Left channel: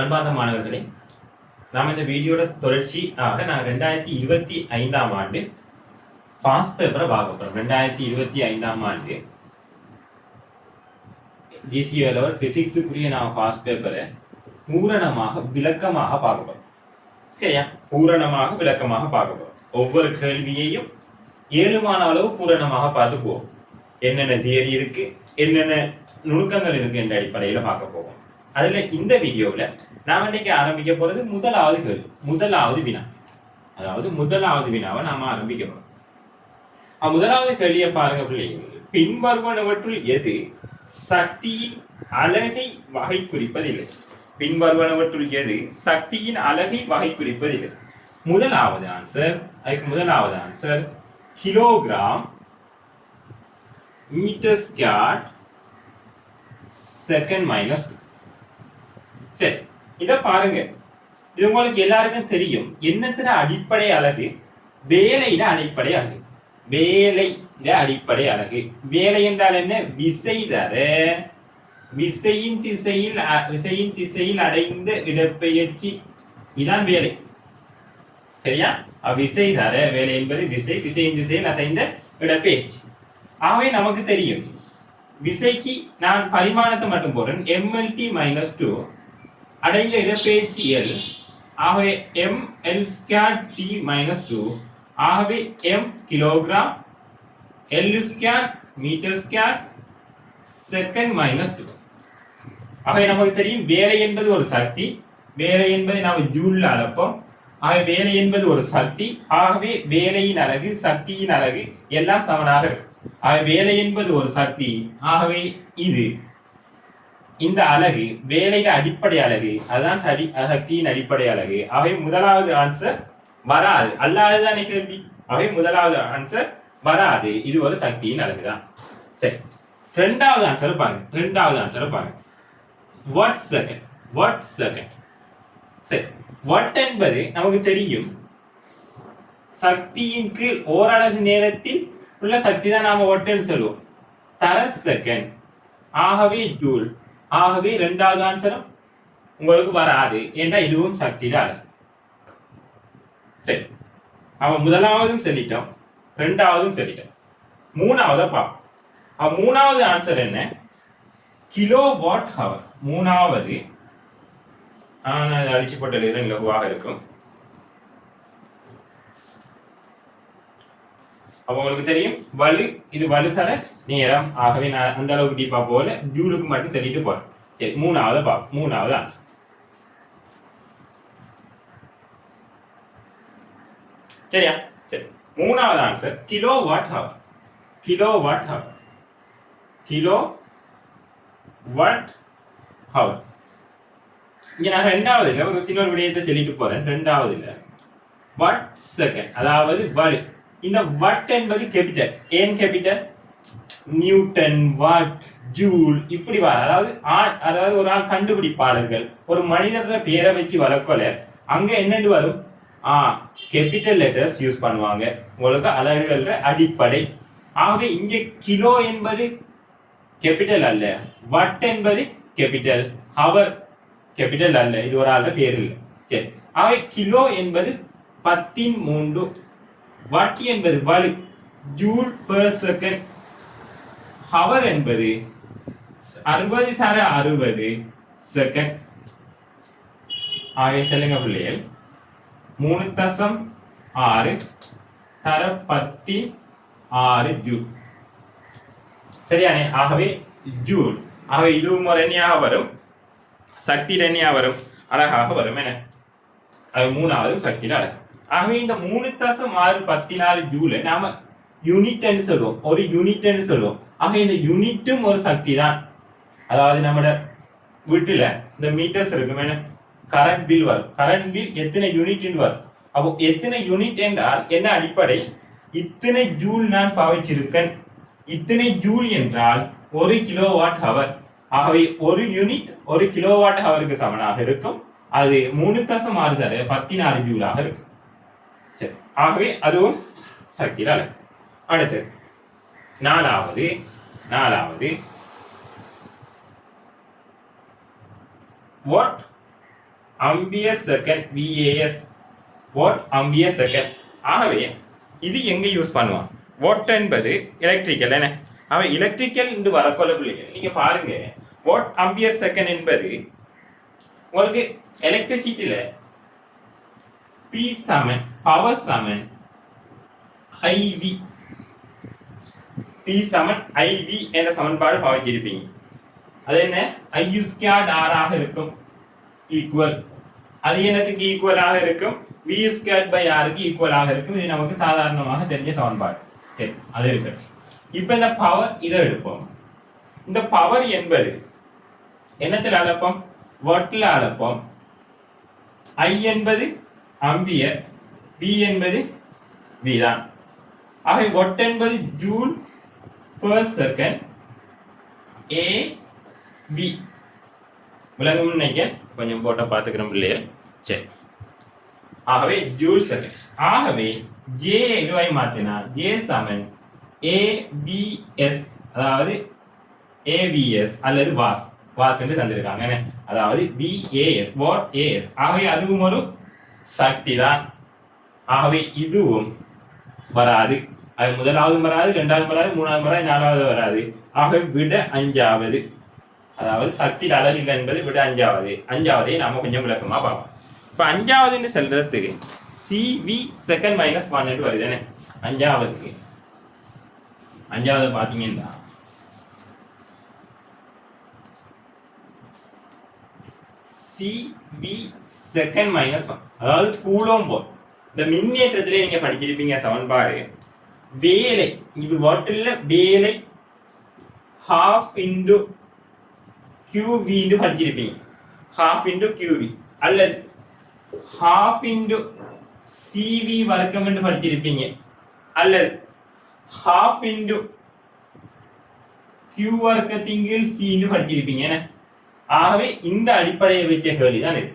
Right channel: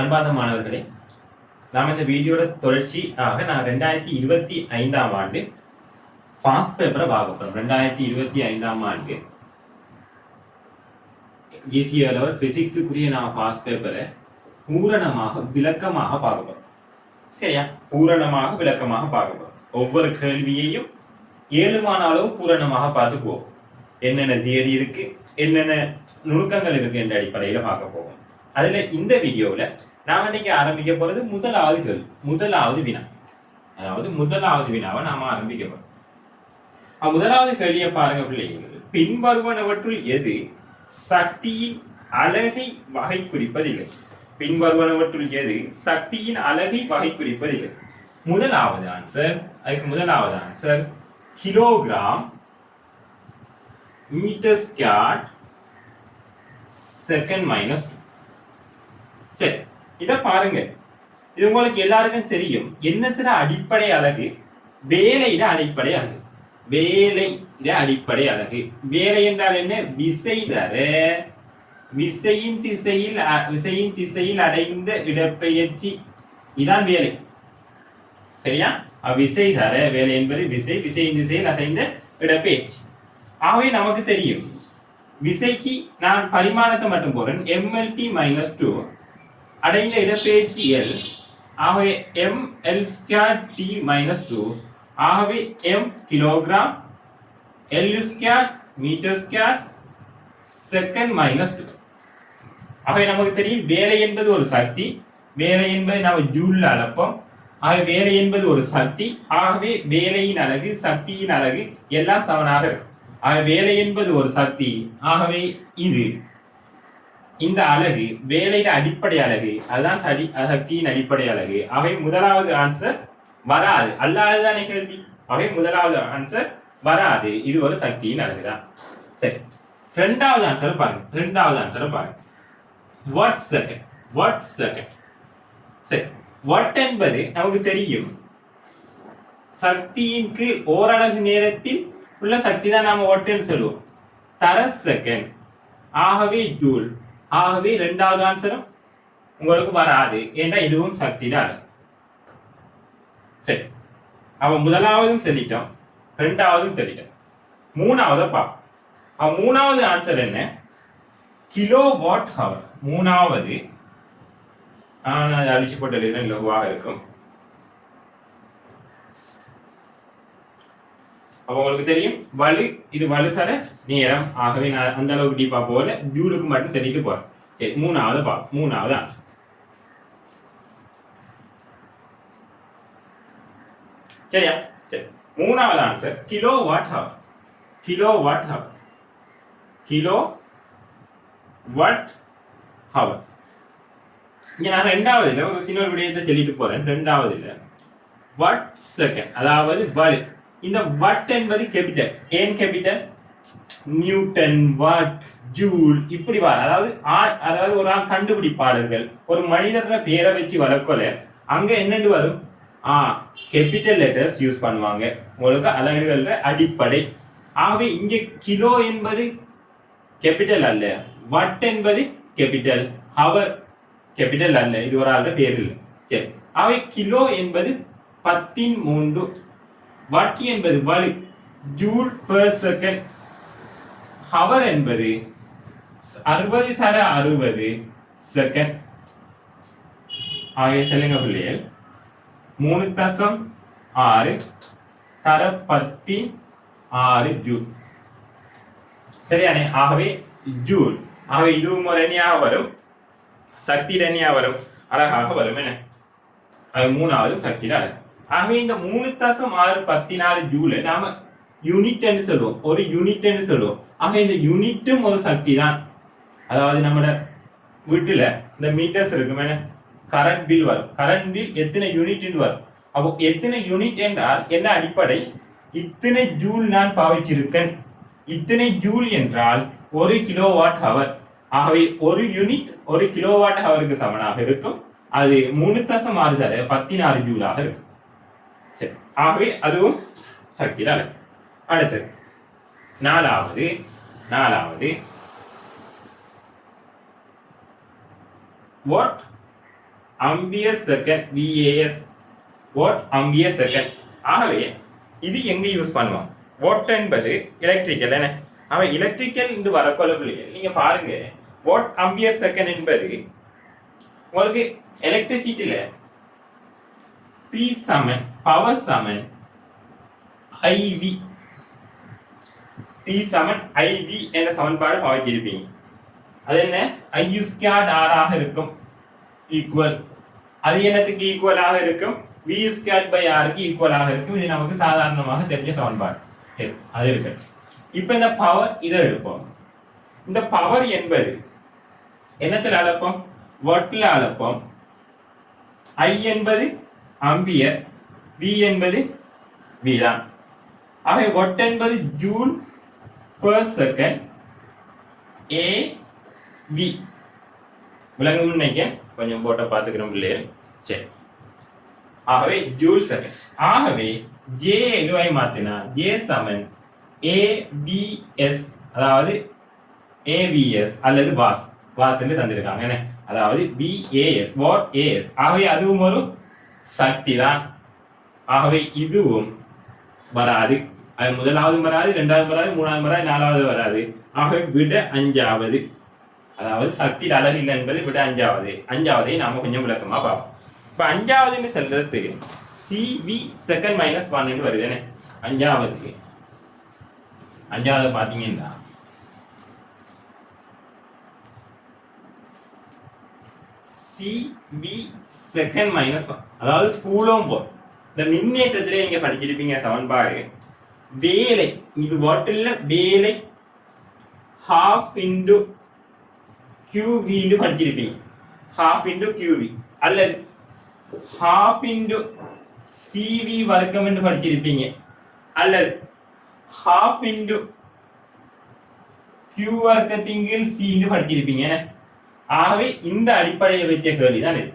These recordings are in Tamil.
அன்பார்ந்த மாணவர்களே, நாம் இந்த வீடியோட தொடர்ச்சியாக நான் 2025ஆம் ஆண்டு பாஸ்ட் பேப்பரை பார்க்க போறோம். 2025ஆம் ஆண்டு டிசிஏ லெவல் பிசிக்ஸுக்குரிய நான் பாஸ்ட் பேப்பரை பூரணமாக விளக்கமாக பார்க்க போறோம். சரியா? பூரணமாக விளக்கமாக பார்க்க போறோம். ஒவ்வொரு கேள்வியையும் ஏழுமான அளவு பூரணமாக பார்த்து போவோம். என்னென்ன தியரி இருக்கு, என்னென்ன நுணுக்கங்கள் இருக்கு என்ற அடிப்படையில் பார்க்க போவோம். அதுல இந்த வீடியோவில் நாம் இன்னைக்கு ஆரம்பிக்க போறது முதலாவது வினா. அதாவது முதலாவது வினாவை நாம ஆரம்பிக்க போறோம். முதலாவது கேள்வியை பாருங்க பிள்ளைகள். பின்வருவனவற்றுள் எது சக்தியின் அலகை வகை குறிப்பதில்லை? பின்வருவனவற்றுள் எது சக்தியின் அலகை வகை குறிப்பதில்லை? முதலாவது answer kilogram, metre square, second minus 2. சரி, இத பாருங்க. இது உங்களுக்கு எல்லாருக்கும் தெரியும். என்னத்துல அடிப்படை அலகு? வேலையில அடிப்படை அலகு. வேலை என்றால் என்ன? விசை தர விசையின் திசையில் அடைந்த இடப்பெயர்ச்சி, இதான் வேலை. சரியா? விசை தர வேலை என்பது விசையின் திசையில் அடைந்த இடப்பெயர்ச்சி. ஆகவே நமக்கு தெரியும், விசைக்கு நான் பரிமாணத்தை மட்டும் போறேன். mlt-2 அடைந்த இடப்பெயர்ச்சி L. ஆகவே ml2t-2. ஆகவே m kilogram, L2 metre square, second minus 2. ஆகவே நமக்கு தெரியும் வேலை என்பது ஒரு சக்தி. வேலை என்பதை நாம் ஜூல்ல அளப்போம். ஆகவே வேலை என்பது ஒரு சக்தி. ஆகவே வேலையின் அலகு, சக்தியின் அலகு எல்லாம் சமனாக இருக்கும். ஆகவே வேலை என்பது ஒரு சக்தி. ஆகவே இந்த அலகு வேலையின் அடிப்படை அலகு, அதுதான் சக்தியின் அடிப்படை அலகு. அவை முதலாவது ஆன்சர் வராது. அல்லாதுதானே கேள்வி. அவை முதலாவது ஆன்சர் வராது. இது ஒரு சக்தியின் அலகுதான். சரி, ரெண்டாவது ஆன்சர் பாருங்க. Watt second. சரி, வாட் என்பது நமக்கு தெரியும், சக்தியின் கீழ் ஓரலகு நேரத்தில் உள்ள சக்தி தான் நாம வாட்னு சொல்லுவோம். தர செகண்ட். ஆகவே ஜூல். ஆகவே இரண்டாவது ஆன்சரும் உங்களுக்கு வராது. ஏன்னா இதுவும் சக்தியில அலகு. சரி, அவன் முதலாவதும் சொல்லிட்டோம், ரெண்டாவதும் சொல்லிட்டோம். மூணாவதை பார்ப்போம். மூணாவது ஆன்சர் என்ன? Kilo watt hour. மூணாவது அழிச்சு போட்ட லகுவாக இருக்கும். அப்ப உங்களுக்கு தெரியும் இது வலுசல நேரம். ஆகவே நான் அந்த அளவுக்கு டீப்பா போல ஜூலுக்கு மட்டும் சொல்லிட்டு போறேன். சரி, மூணாவது ஆன்சர். சரியா? சரி, மூணாவது ஆன்சர் கிலோ வாட் ஹவர். இங்க நான் ரெண்டாவதுல ஒரு சின்ன விடயத்தை சொல்லிட்டு போறேன். ரெண்டாவதுல வாட் செகண்ட், அதாவது வலு. இந்த வாட் என்பது கேபிட்டல். ஏன் கேபிட்டல்? நியூட்டன், வாட், ஜூல் இப்படி வர. அதாவது ஒரு ஆள் கண்டுபிடிப்பாளர்கள் ஒரு மனிதர பேரை வச்சு வளர்க்கல, அங்க என்னன்னு வரும்? கேபிட்டல் லெட்டர்ஸ் யூஸ் பண்ணுவாங்க. உங்களுக்கு அலகுகள அடிப்படை. ஆகவே இங்க கிலோ என்பது கேபிட்டல் அல்ல, வாட் என்பது கேபிட்டல், ஹவர் கேபிட்டல் அல்ல. இது ஒரு ஆள பேர் இல்லை. சரி, ஆகவே கிலோ என்பது 10^3. வாட் என்பது வலு, ஜூல் பெர் செகண்ட். ஹவர் என்பது 60 செகண்ட். ஆகவே சொல்லுங்க பிள்ளைகள், 3.6 தர 10^6 ஜூல். சரியானே? ஆகவே ஜூல். ஆகவே இதுவும் ஒரு எண்ணியாக வரும், சக்தி எண்ணியாக வரும், அழகாக வரும். என அது மூணாவது சக்தியில அழகு. ஆகவே இந்த 3.614 ஜூல நாம யூனிட் என்று சொல்லுவோம், ஒரு யூனிட் என்று சொல்லுவோம். ஆக இந்த யூனிட்டும் ஒரு சக்தி தான். அதாவது நம்ம வீட்டுல இந்த மீட்டர்ஸ் இருக்கும், கரண்ட் பில் வரும். கரண்ட் பில் எத்தனை யூனிட் வரும். அப்போ எத்தனை யூனிட் என்றால் என்ன அடிப்படை? இத்தனை ஜூல் நான் பாவிச்சிருக்கேன். இத்தனை ஜூல் என்றால் 1 கிலோவாட் ஹவர். ஆகவே ஒரு யூனிட் 1 கிலோவாட் ஹவருக்கு சமனாக இருக்கும். அது 3.6 தர 16 ஜூலாக இருக்கும். சரி, ஆகவே அதுவும் சக்தியில அலகு. அடுத்தது நாலாவது what ampere second VAS watt ampere second. ஆகவே இது எங்க யூஸ் பண்ணுவான்? வாட் என்பது எலக்ட்ரிக்கல் என்ன? அவன் எலக்ட்ரிக்கல் என்று வரக்கொள்ள பிள்ளைகள் நீங்க பாருங்க, வாட் அம்பியர் செகண்ட் என்பது உங்களுக்கு எலக்ட்ரிசிட்டியில P சமன் பவர் சமன் IV. P சமன் IV என்ற சமன்பாடு பாவிச்சிருப்பீங்க. அது என்ன? IU ஸ்கொயர்ட் R ஆக இருக்கும் ஈக்குவல். அது என்னத்துக்கு ஈக்குவலாக இருக்கும்? VU ஸ்கொயர்ட் பை R க்கு ஈக்குவலாக இருக்கும். இது நமக்கு சாதாரணமாக தெரிஞ்ச சமன்பாடு. சரி, அது இருக்கு. இப்போ இந்த பவர் இதை எடுப்போம். இந்த பவர் என்பது என்னத்தில் அளப்போம்? வாட்டில் அளப்போம். I என்பது ஆம்பியர், V என்பது V தான். ஆகவே வாட் என்பது ஜூல் பெர் செகண்ட் AV. விளங்கும் நினைக்க கொஞ்சம் போட்டோ பார்த்துக்கிறோம் பிள்ளைகள். சரி, ஆகவே ஜூல் செகண்ட். ஆகவே J எதுவாய் மாத்தினா J சமன் AVS, அதாவது AVS அல்லது வாஸ் என்று தந்திருக்காங்க. அதாவது VAS வாட் AS. ஆகவே அதுவும் ஒரு சக்தி தான். ஆகவே இதுவும் வராது. அது முதலாவது வராது, இரண்டாவது வராது, மூணாவது வராது, நாலாவது வராது. ஆகவே விட அஞ்சாவது, அதாவது சக்தி அழகு இல்லை என்பது விட அஞ்சாவதை நாம கொஞ்சம் விளக்கமா பார்ப்போம். இப்ப அஞ்சாவதுன்னு சொல்றதுக்கு CV செகண்ட் மைனஸ் 1 என்று வருது. அஞ்சாவது பாத்தீங்கன்னா CV செகண்ட் மைனஸ் 1, அதாவது கூலோம் போல். இந்த மின்னேற்றத்திலே நீங்க படிச்சிருப்பீங்க சமன்பாடு. வேலை இது வாட்டில் வேலை half into QV என்று படிச்சிருப்பீங்க. half into QV அல்லது half into CV வர்க்கம் என்று படிச்சிருப்பீங்க. அல்லது half into Q வர்க்கத்தின் கீழ் C என்று படிச்சிருப்பீங்க. ஆகவே இந்த அடிப்படையை வைத்த கேள்வி தான் இது.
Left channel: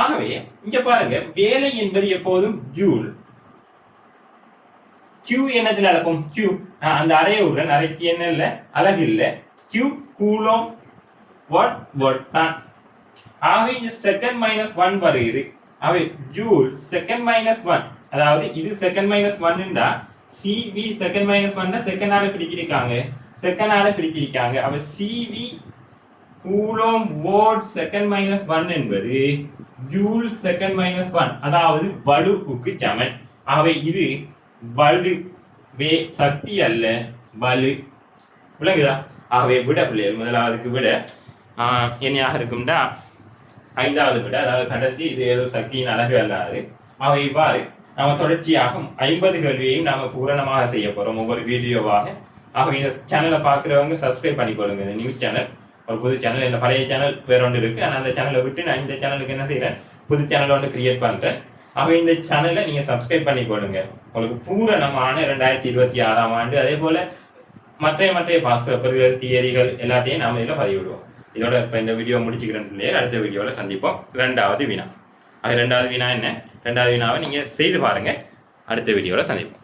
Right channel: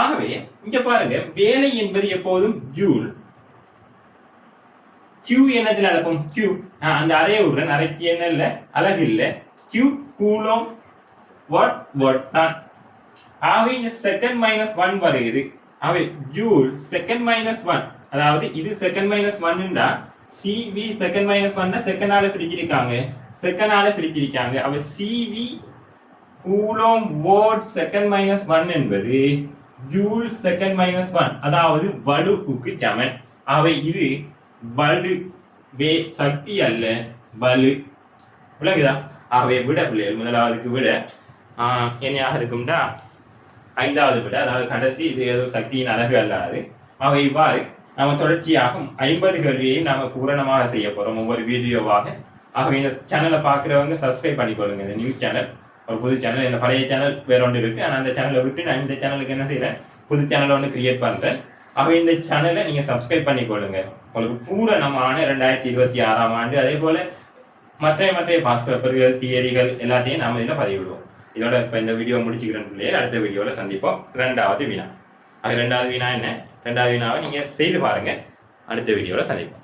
ஆகவே இங்க பாருங்க, வேலை என்பது எப்போதும் ஜூல். Q என்னத்தில் அளப்போம்? Q அந்த அறையுடன் அறைக்கு என்ன இல்லை, அழகு இல்லை. Q கூலோம் வாட் தான். ஆகவே இந்த செகண்ட் மைனஸ் 1 வருகிறது. ஆகவே ஜூல் செகண்ட் மைனஸ் 1, அதாவது இது second minus 1 CV second minus 1 second ஆள பிடிச்சிருக்காங்க. அப்ப CV கூலோம் வாட் செகண்ட் மைனஸ் 1 என்பது ஜூல் செகண்ட் மைனஸ் 1, அதாவது வலுவுக்கு சமன். ஆகவே இது வலு, சக்தி அல்ல, வலு. விளங்குதா? ஆகவே விட பிள்ளைகள் முதலாவதுக்கு விட என்னையாக இருக்கும்டா ஐந்தாவது விட, அதாவது கடைசி இது ஏதோ சக்தியின் அழகு அல்லாது. ஆகவே இவ்வாறு நம்ம தொடர்ச்சியாக 50 கேள்வியையும் நாம பூரணமாக செய்ய போறோம் ஒவ்வொரு வீடியோவாக. ஆகவே இந்த சேனலை பார்க்குறவங்க சப்ஸ்கிரைப் பண்ணிக்கொள்ளுங்க. இந்த நியூஸ் சேனல் ஒரு புது சேனல், இந்த பழைய சேனல் வேற ஒன்று இருக்கு. ஆனால் அந்த சேனலை விட்டு நான் இந்த சேனலுக்கு என்ன செய்யறேன், புது சேனலை ஒன்று கிரியேட் பண்றேன். ஆகவே இந்த சேனலை நீங்க சப்ஸ்கிரைப் பண்ணிக்கொள்ளுங்க. உங்களுக்கு பூரணமான 2026ஆம் ஆண்டு அதே போல மற்ற பாஸ் பேப்பர்கள், தியரிகள் எல்லாத்தையும் நாம இதில் பதிவிடுவோம். இதோட இப்போ இந்த வீடியோ முடிச்சுக்கிறேன் பிள்ளைகள். அடுத்த வீடியோவில் சந்திப்போம். இரண்டாவது வினா என்ன? இரண்டாவது வினாவை நீங்கள் செய்து பாருங்க. அடுத்த வீடியோவில் சந்திப்போம்.